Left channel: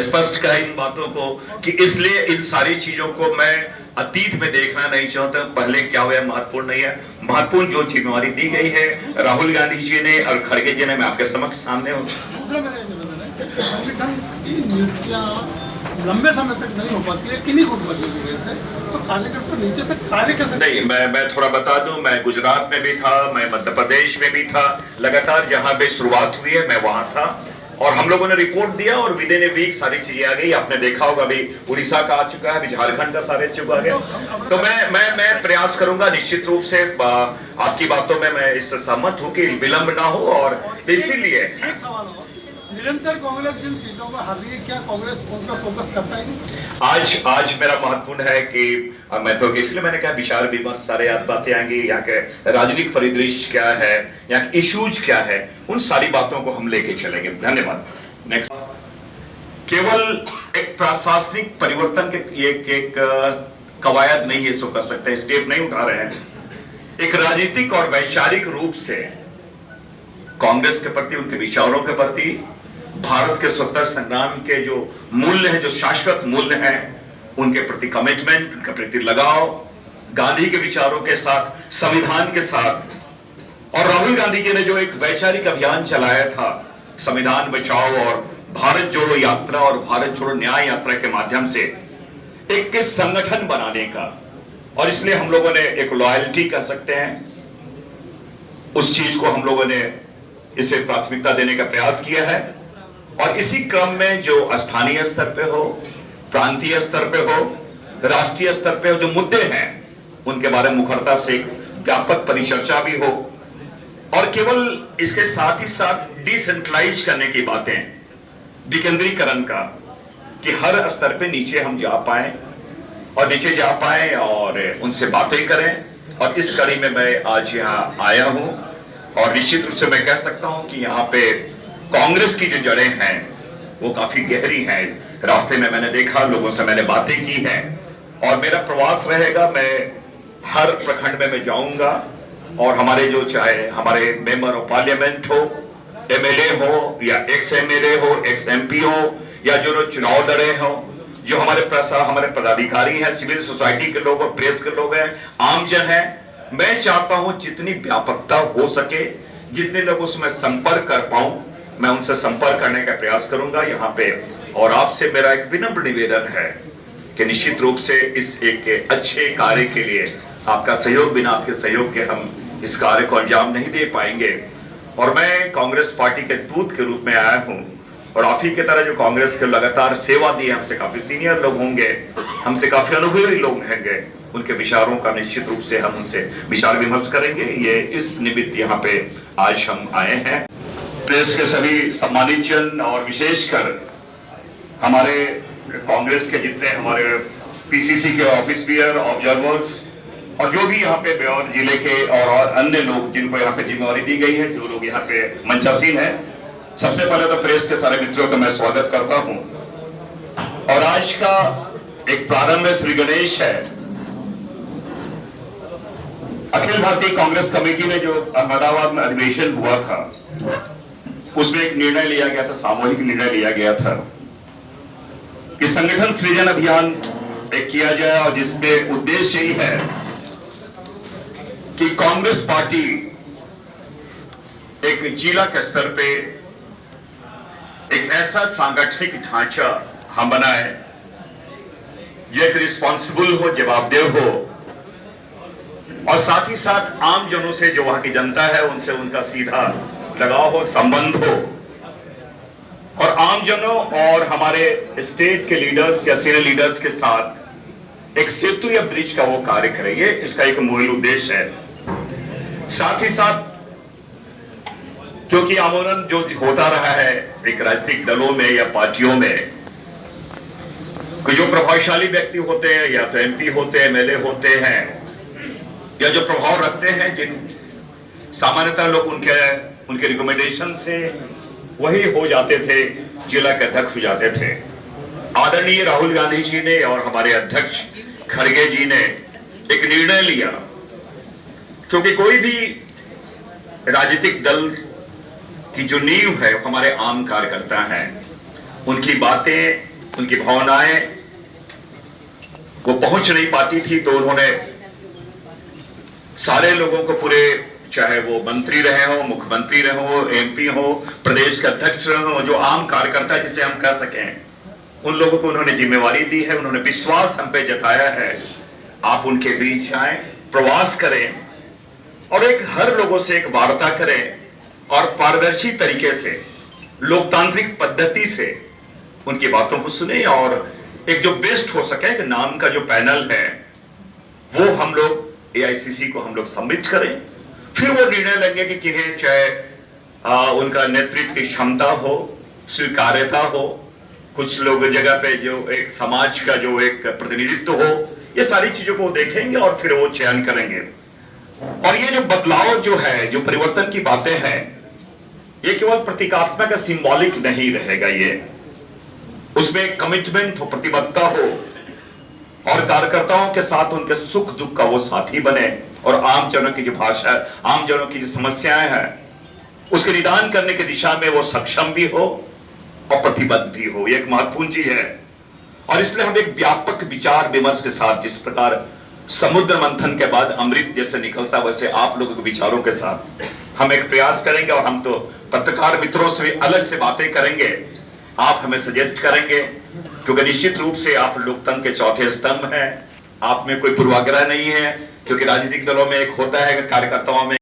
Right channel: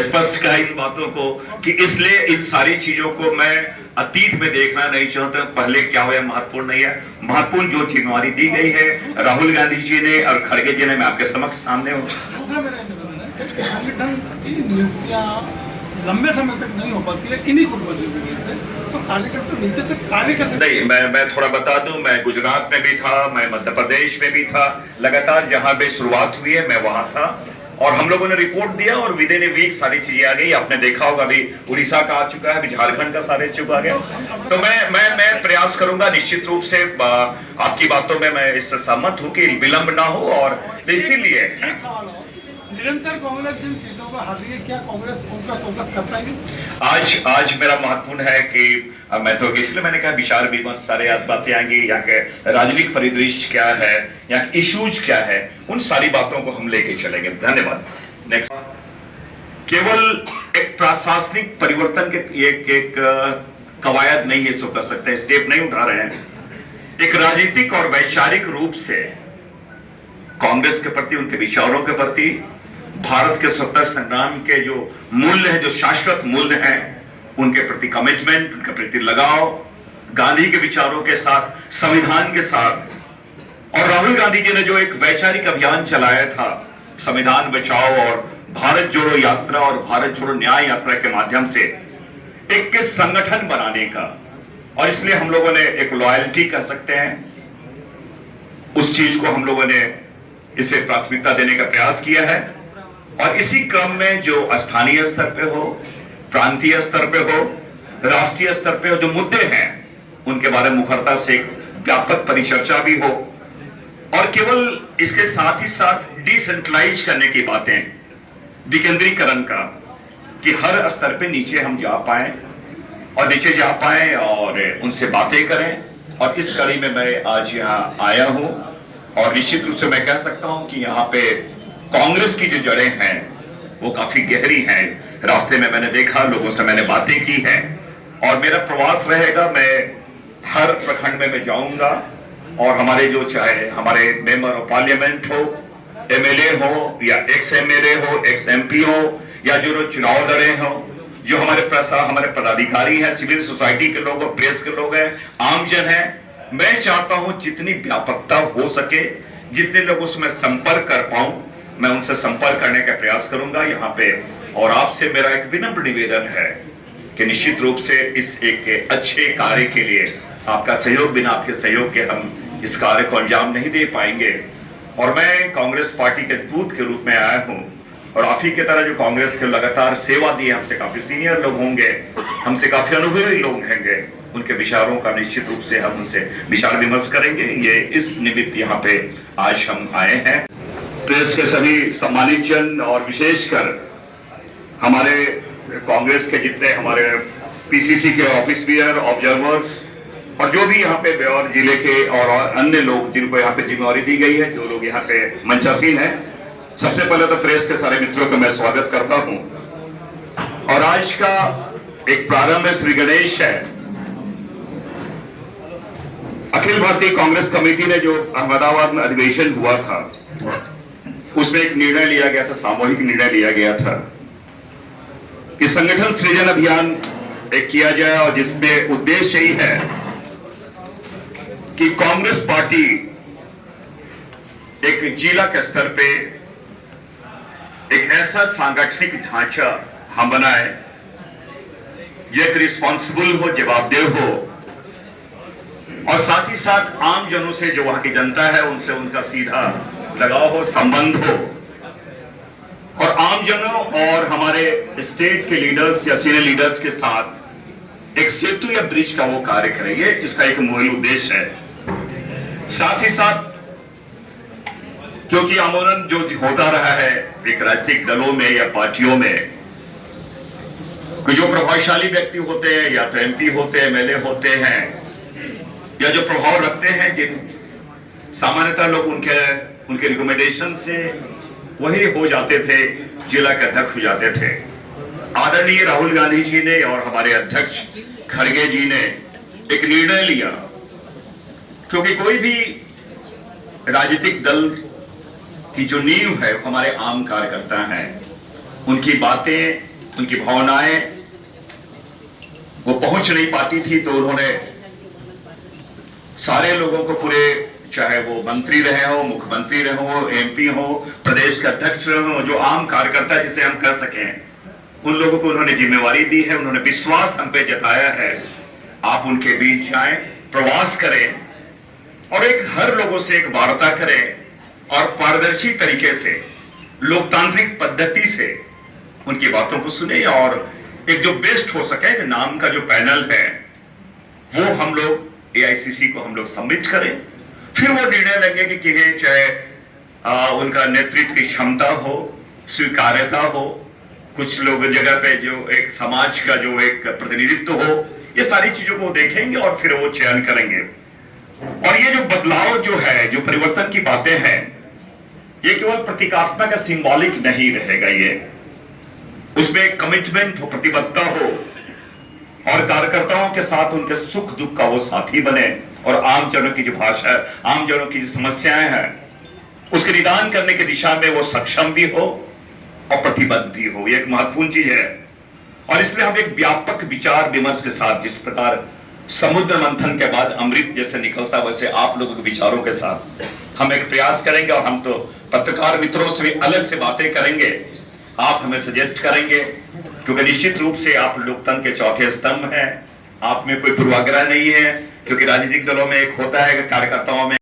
स्पष्ट कहा इन बातों को कि इसलिए इन सारी चीजों को मैं अतीत में देखना नहीं चाहता हूं। पहले क्या हुआ महत्वपूर्ण नहीं है, महत्वपूर्ण जो जिम्मेवारी दी गई है राहुल गांधी जी ने और खड़गे जी ने, मैं आपके समक्ष सामने हूं। दूसरा मेरा निवेदन है कि संगठन की नियुक्तियां लंबे समय तक नहीं हो पाती है किन्हीं गुटबाजियों की वजह से, तो कार्यकर्ता नीचे तक कार्य कैसे नहीं, मैं थोड़ा बता दूं, मैं गुजरात में भी था, मैं मध्य प्रदेश में भी था, लगातार जहां पे शुरुआत हुई है मैं वहां था और हम लोगों ने रिपोर्ट दिया और विद इन ए वीक सारी चीजें आ गई। आपने देखा होगा अभी उड़ीसा का आ चुका है, अभी झारखंड का सारे चुका गया। तो मैं प्रयास करूंगा निश्चित रूप से, आपकी बातों में मैं इससे सहमत हूं कि विलंब ना हो। और इसीलिए एक सवाल और, निरंतर कांग्रेस जिन सीटों पर हार रही है, क्या कांग्रेस उनका फोकस कर पाएगी? आज मेरा महत्वपूर्ण है कि मैं तो इसलिए मैंने कहा विचार विमर्श सारे बातें आएंगी, यहाँ के राजनीतिक परिदृश्य क्या है, यहाँ के इश्यूज क्या है, उन सारी बातों को हम लेके चलेंगे। धन्यवाद। नेक्स्ट, केवल एक प्रशासनिक परिवर्तन के एक कवायद नहीं इसको कर सकते, स्टेप नहीं उठा रहे हैं। एक राजनीतिक और वैचारिक रूप से कांग्रेस के प्रति, उनके विचारों के प्रति, भारत के स्वतंत्रता संग्राम के जो मूल्य हैं, जो शाश्वत मूल्य हैं, उनके प्रति कमिटमेंट, उनके प्रति लगाव, गांधी के विचारों के साथ, संविधान के साथ, और राहुल गांधी जी ने जो एक वैचारिक अभियान चलाया था संविधान बचाओ और भारत जोड़ो यात्रा और भारत जोड़ो न्याय यात्रा के माध्यम से एक संगठन बनाने का, और इसलिए हम लोगों ने एक लॉयल्टी कह सकते हैं, उस चीज को हम लोगों ने इसे प्राथमिकता देने का प्रयास किया है। और इसी क्रम में जो स्थानीय स्तर पे हो, प्रांतीय स्तर पे हो, राष्ट्रीय स्तर पे हो, जो मुद्दे हैं उनके बारे में मुखरता से व्यापक परिचर्चा भी हो, और केवल इसके साथ ही साथ डिसेंट्रलाइज करने की बातें, विकेंद्रीकरण का, कि हर स्तर पे नीचे हम जा पाए और उनसे बातें करें। और इस कड़ी में मैं आज यहाँ आया हूं और निश्चित रूप से मैं कह सकता हूं कि यहाँ पे कांग्रेस की जो जड़ें हैं वो काफी गहरी हैं। रास्ते में मैंने देखा, लोगों से मैंने बातें की हैं, और मेरा प्रवास रहेगा, मैं हर प्रखंड में मैं जाऊंगा और हमारे जो चाहे हमारे मेंबर ऑफ पार्लियामेंट हो, एमएलए हो या एक्स एमएलए हो, एक्स एमपी हो, या जो चुनाव लड़े हो, जो हमारे पदाधिकारी हैं, सिविल सोसाइटी के लोग और प्रेस के लोग हैं, आमजन हैं, मैं चाहता हूं जितनी व्यापकता हो सके, जितने लोग उसमें संपर्क कर पाऊं, मैं उनसे संपर्क करने का प्रयास करूंगा यहाँ पे। और आपसे मेरा एक विनम्र निवेदन है कि निश्चित रूप से इस एक अच्छे कार्य के लिए आपका सहयोग, बिना आपके सहयोग के हम इस कार्य को अंजाम नहीं दे पाएंगे। और मैं कांग्रेस पार्टी के दूत के रूप में आया हूं, और आप ही की तरह जो कांग्रेस के लगातार सेवा दी, हमसे काफी सीनियर लोग होंगे, हमसे काफी अनुभवी लोग होंगे, उनके विचारों का निश्चित रूप से हम उनसे विचार विमर्श करेंगे। ये इस निमित्त यहाँ पे आज हम आए हैं। प्रेस के सभी सम्मानित जन और विशेषकर हमारे कांग्रेस के जितने हमारे पीसीसी के ऑफिस बियर, ऑब्जर्वर्स, और जो भी यहाँ पे ब्यौर जिले के और अन्य लोग जिनको यहाँ पे जिम्मेवारी दी गई है, जो लोग यहाँ पे मंचासीन हैं, सबसे पहले तो प्रेस के सारे मित्रों का मैं स्वागत करता हूं। और आज का एक प्रारंभ श्री गणेश है। अखिल भारतीय कांग्रेस कमेटी ने जो अहमदाबाद में अधिवेशन हुआ था, उसमें एक निर्णय लिया गया था, सामूहिक निर्णय लिया गया था कि संगठन सृजन अभियान एक किया जाए, और जिसमें उद्देश्य यही है कि कांग्रेस पार्टी एक जिला के स्तर पे एक ऐसा सांगठनिक ढांचा हम बनाए जो एक रिस्पॉन्सिबल हो, जवाबदेह हो, और साथ ही साथ आम जनों से, जो वहां की जनता है, उनसे उनका सीधा लगाव हो, संबंध हो, और आम जनों और हमारे स्टेट के लीडर्स या सीनियर लीडर्स के साथ एक सेतु या ब्रिज का वो कार्य करे। ये इसका एक मूल उद्देश्य है। साथ ही साथ क्योंकि आमूलन जो होता रहा है एक राजनीतिक दलों में या पार्टियों में, कि जो प्रभावशाली व्यक्ति होते हैं, या तो एमपी होते हैं, एमएलए होते हैं, या जो प्रभाव रखते हैं, जिन सामान्यतः लोग उनके रिकमेंडेशन से वही हो जाते थे, जिला के अध्यक्ष हो जाते थे। आदरणीय राहुल गांधी जी ने और हमारे अध्यक्ष खड़गे जी ने एक निर्णय लिया, क्योंकि कोई भी राजनीतिक दल की जो नींव है हमारे आम कार्यकर्ता हैं, उनकी बातें, उनकी भावनाएं वो पहुंच नहीं पाती थी, तो उन्होंने सारे लोगों को पूरे, चाहे वो मंत्री रहे हो, मुख्यमंत्री रहे हो, एमपी हो, प्रदेश के अध्यक्ष रहे हो, जो आम कार्यकर्ता जिसे हम कह सकें, उन लोगों को उन्होंने जिम्मेवारी दी है, उन्होंने विश्वास हम पे जताया है। आप उनके बीच जाएं, प्रवास करें और एक हर लोगों से एक वार्ता करें और पारदर्शी तरीके से, लोकतांत्रिक पद्धति से उनकी बातों को सुने और एक जो बेस्ट हो सके नाम का जो पैनल है वो हम लोग एआईसीसी को हम लोग सबमिट करें। फिर वो निर्णय लेंगे कि किन्हें, चाहे उनका नेतृत्व की क्षमता हो, स्वीकार्यता हो, कुछ लोग जगह पे जो एक समाज का जो एक प्रतिनिधित्व हो, ये सारी चीजों को देखेंगे और फिर वो चयन करेंगे। और ये जो बदलाव जो है, जो परिवर्तन की बातें हैं, ये केवल प्रतीकात्मक या सिंबॉलिक नहीं रहेगा, ये उसमें कमिटमेंट हो, प्रतिबद्धता हो और कार्यकर्ताओं के साथ उनके सुख दुख का वो साथी बने और आम जनों की जो भाषा, आम जनों की जो समस्याएं हैं उसके निदान करने की दिशा में वो सक्षम भी हो और प्रतिबद्ध भी हो। ये एक महत्वपूर्ण चीज है और इसलिए हम एक व्यापक विचार विमर्श के साथ, जिस प्रकार समुद्र मंथन के बाद अमृत जैसे निकलता, वैसे आप लोगों के विचारों के साथ हम एक प्रयास करेंगे और हम तो पत्रकार मित्रों से भी अलग से बातें करेंगे। आप हमें सजेस्ट करेंगे क्योंकि निश्चित रूप से आप लोकतंत्र के चौथे स्तंभ हैं। आप में कोई पूर्वाग्रह नहीं है, क्योंकि राजनीतिक दलों में एक होता है कि कार्यकर्ताओं में